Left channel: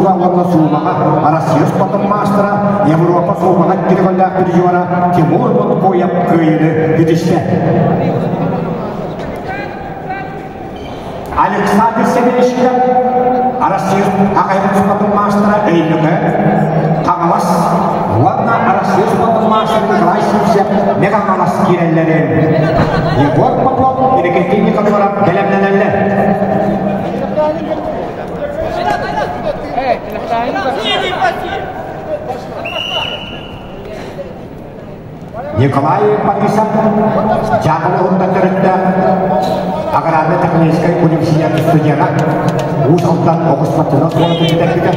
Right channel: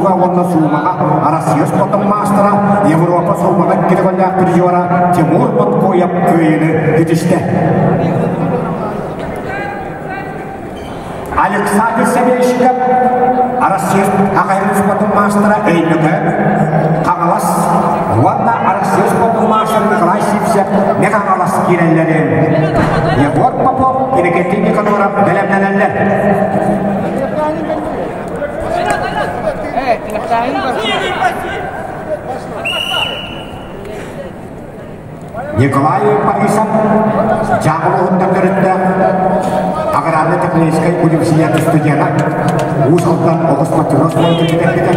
tuga wonna sumaka Россиюс потом мастера Европа сумaka киргонда прижора Тимур Монкояп күйіні кетішті. Александр Семеншиков Россиюс Ақайрус потом мастера Эйнеге Қағалас Ванна Россиюс потом мастера Крайсипсеп Меғағалас керелерін Егор Попов Ерекетейні қадуарап Делемнелелі Николай Борисов Жабылығында көрітті Ағыраны Тақнейскай университеті студияна Уыз алдан оғыспатыныз болды кетер-кетер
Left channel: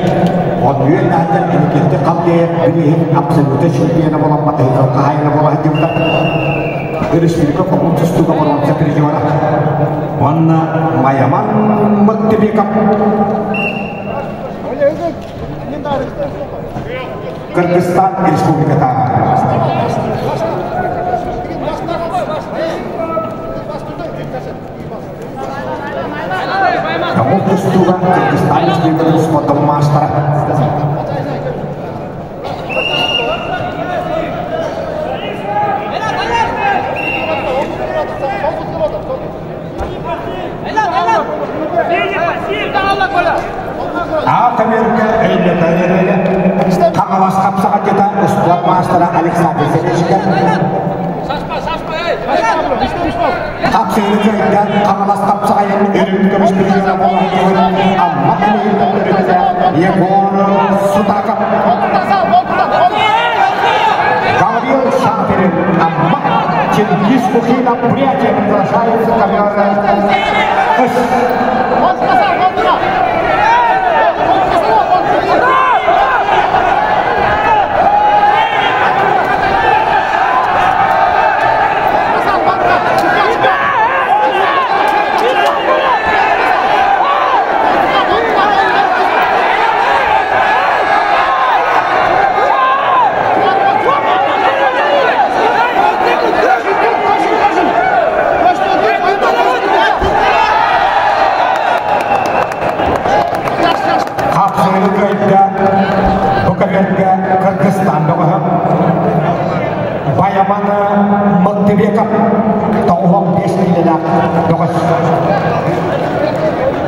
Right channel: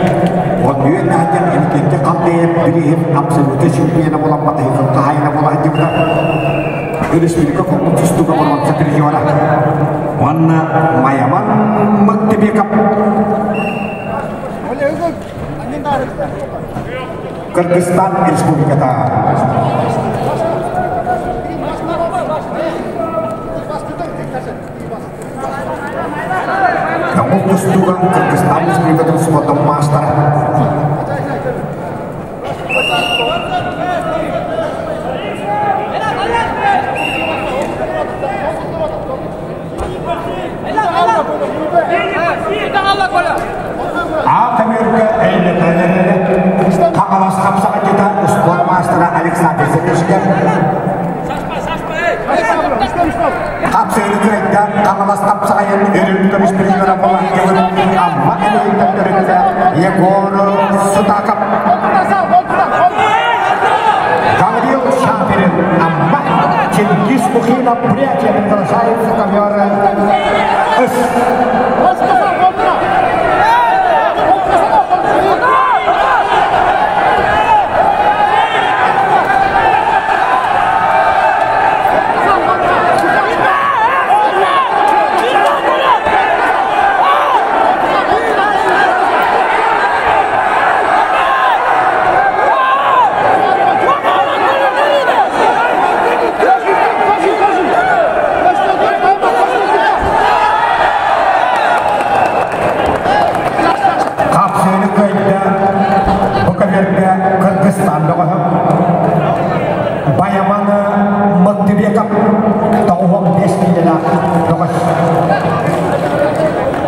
Он үйен әден әмекетті қалдайып бірейіп абсолюты чемпионы болан батайқыл қайына болан демді Республика коммун тұстуға бұрванса переживара Онна Майаман Мықтыбеков Кыргызстан Республиката Kamu tujuan Kyrgyzstan juga terus potong master. Amerika ini tanya kapalas kapsa kita sport master Alexander Zemeshkin. Kapsa ini kerja kapalas kapsa yang ini terus berjalan bola amma ini terkerja Yegor Sutakap. Gabriel Shapirin amma Cengiz Mukhina приятие приглашает в ковер.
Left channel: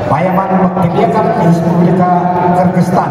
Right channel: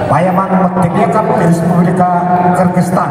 Bayaman Reспублика Кыргызстан